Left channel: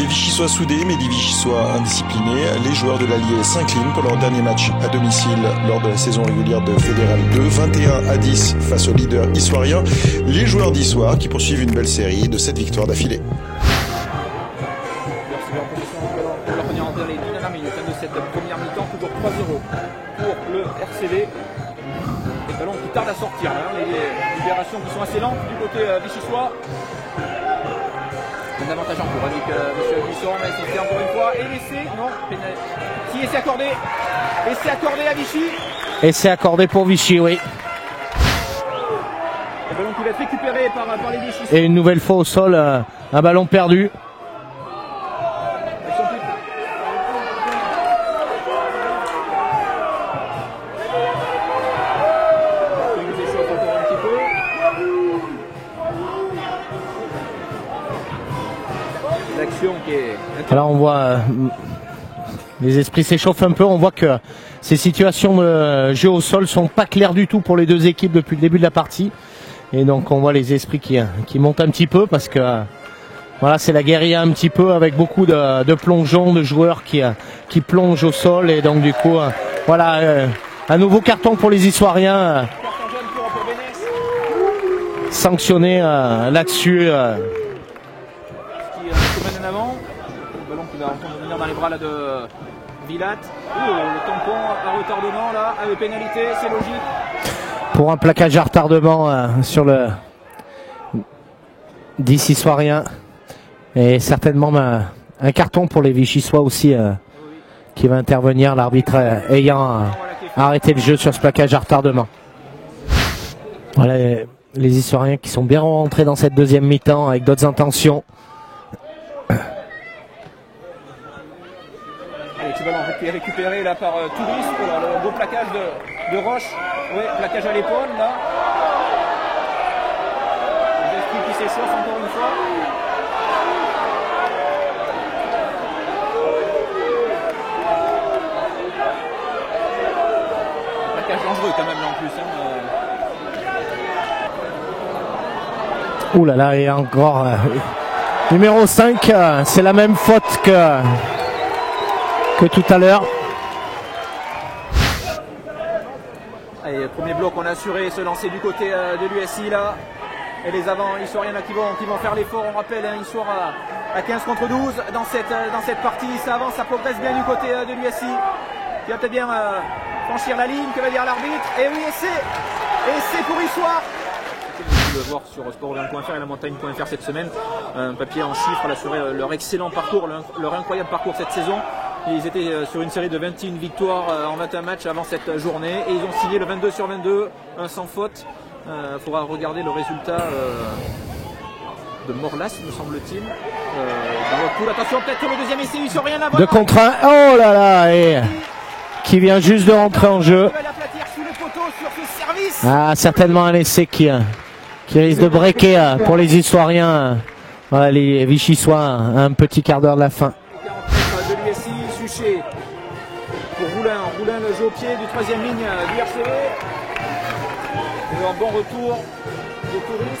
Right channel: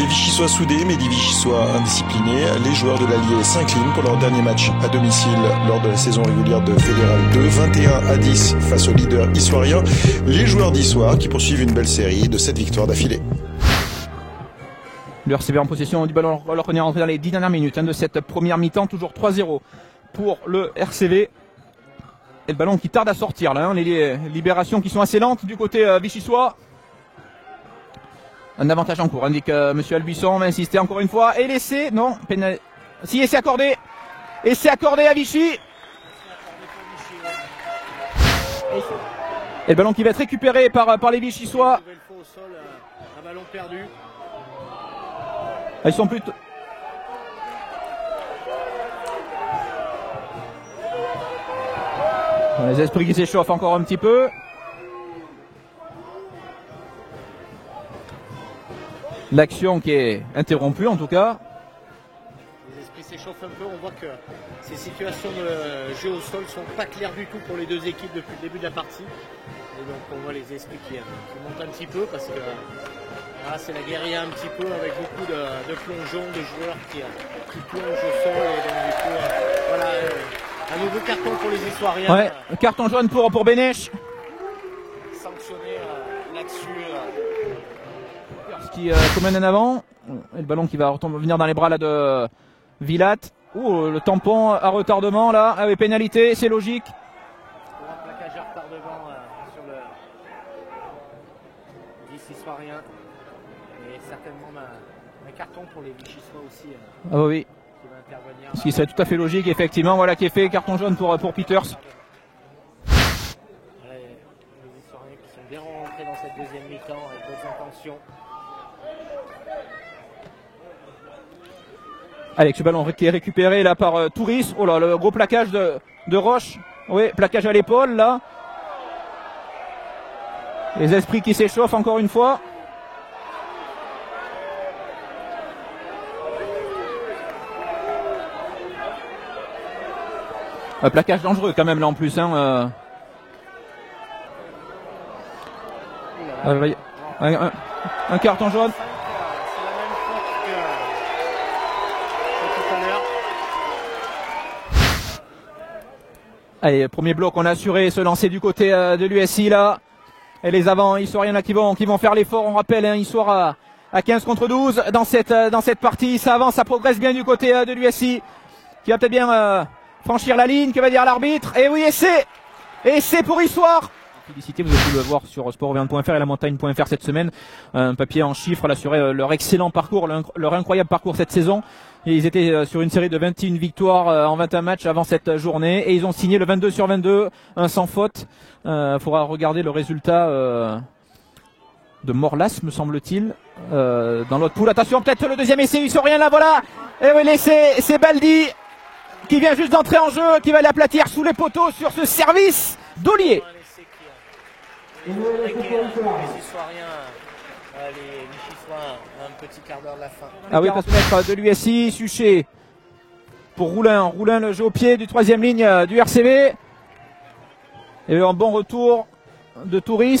Des Vichysois soudés, mais des Vichysois indisciplinés. Les joueurs de l'Allier s'inclinent pour leur dernier match à domicile lors de la saison régulière de Fédéral 2. 21-10 face au leader issoirien. Les joueurs d'Issoire qui poursuivent une belle série de 7 victoires d'affilée. Le RCV en possession du ballon pour leur première entrée dans les 10 dernières minutes de cette première mi-temps. Toujours 3-0 pour le RCV. Et le ballon qui tarde à sortir là, les libérations qui sont assez lentes du côté vichysois. Un avantage en cours, indique Monsieur Albuisson, on va insister encore une fois. Et l'essai, non, si, et c'est accordé. Et c'est accordé à Vichy. Et c'est accordé pour Vichy, oui. Et le ballon qui va être récupéré par les Vichysois. Et une nouvelle fois au sol, un ballon perdu. Ils sont plus... Les esprits qui s'échauffent encore un petit peu. L'action qui est interrompue en tout cas. Les esprits s'échauffent un peu. On voit que ces situations de jeu au sol sont pas claires du tout pour les deux équipes depuis le début de la partie. Et donc on voit les esprits qui montent un petit peu parce que voilà, c'est la guérilla un petit peu avec beaucoup de plongeons, de joueurs qui plongent au sol. Et donc du coup, voilà, un nouveau carton pour les Issoiriens. Ouais, carton jaune pour Bénèche. Sanctionné là-dessus. Qui se mène en avant. Le ballon qui va revenir dans les bras là, de Vilat. Le tampon à retardement là, avec pénalité, c'est logique. Pour un plaquage à retardement sur le 10 Issoirien. Et certainement un carton pour les Vichysois aussi. Oui. Qui va intervenir, l'arbitre ayant voilà, qui est fait, arrêté le jeu sur ce plaquage à retardement. Voilà, les Issoiriens qui sont bien rentrés dans cette deuxième mi-temps avec d'autres intentions. Alex, ce ballon qui est récupéré là par Touris. Oh là, le gros plaquage de Roche. Oui, plaquage à l'épaule là. Les esprits qui s'échauffent encore une fois. Plaquage dangereux quand même là en plus. Ouh là là, il y a encore numéro 5, c'est la même faute que tout à l'heure. Allez, premier bloc, on a assuré se lancer du côté de l'USI là. Et les avants issoiriens là qui vont faire l'effort. On rappelle, Issoire à 15 contre 12 dans cette partie. Ça avance, ça progresse bien du côté de l'USI. Qui va peut-être bien franchir la ligne, que va dire l'arbitre. Et oui, et c'est pour Issoire. Vous avez pu le voir sur sport20.fr et la montagne.fr cette semaine. Un papier en chiffres à assurer leur excellent parcours, leur incroyable parcours cette saison. Et ils étaient sur une série de 21 victoires en 21 matchs avant cette journée. Et ils ont signé le 22/22, un sans faute. Il faudra regarder le résultat de Morlas, me semble-t-il. Dans notre poule. Attention, peut-être le deuxième essai, il ne rien là. Voilà. De contre un. Oh là là, c'est Baldi. Qui vient juste de rentrer en jeu. Qui va l'aplatir sous les poteaux sur ce service. Ah, certainement un essai qui risque de breaker pour les Issoiriens. Voilà, les Vichysois, un petit quart d'heure de la fin. Ah oui, pour se mettre de l'USI, Suchet pour Roulin. Roulin, le jeu au pied du troisième ligne du RCV. Et un bon retour de Touris.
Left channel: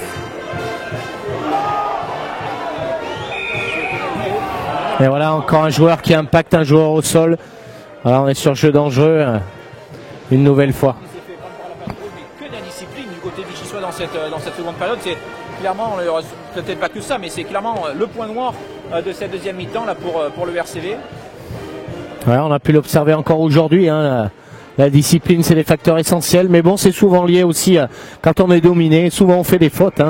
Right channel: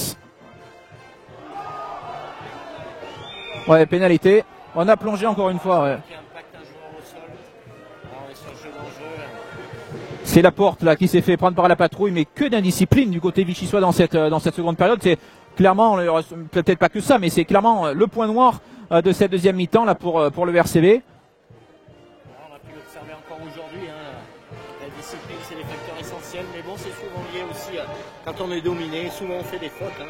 Ouais, pénalité. Et voilà, encore un joueur qui impacte un joueur au sol. Alors on est sur jeu dangereux. C'est la nouvelle fois qui s'est fait prendre par la patrouille, mais que d'indiscipline du côté vichysois dans cette seconde période. C'est clairement, peut-être pas que ça, mais c'est clairement le point noir de cette deuxième mi-temps là pour le RCV. Ouais, on a pu l'observer encore aujourd'hui. La discipline, c'est des facteurs essentiels, mais bon, c'est souvent lié aussi quand on est dominé. Souvent, on fait des fautes.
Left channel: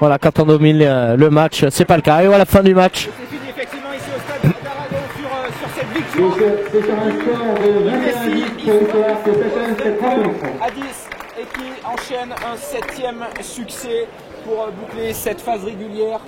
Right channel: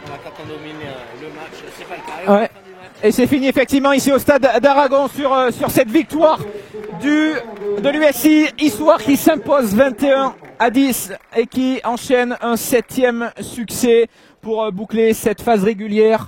Voilà, quand on domine le match, c'est pas le cas. Et à la fin du match. Et c'est fini effectivement ici au stade d'Aragon sur cette victoire de l'USI. Issoire qui s'impose 21-10 et qui enchaîne un 7e succès pour boucler cette phase régulière.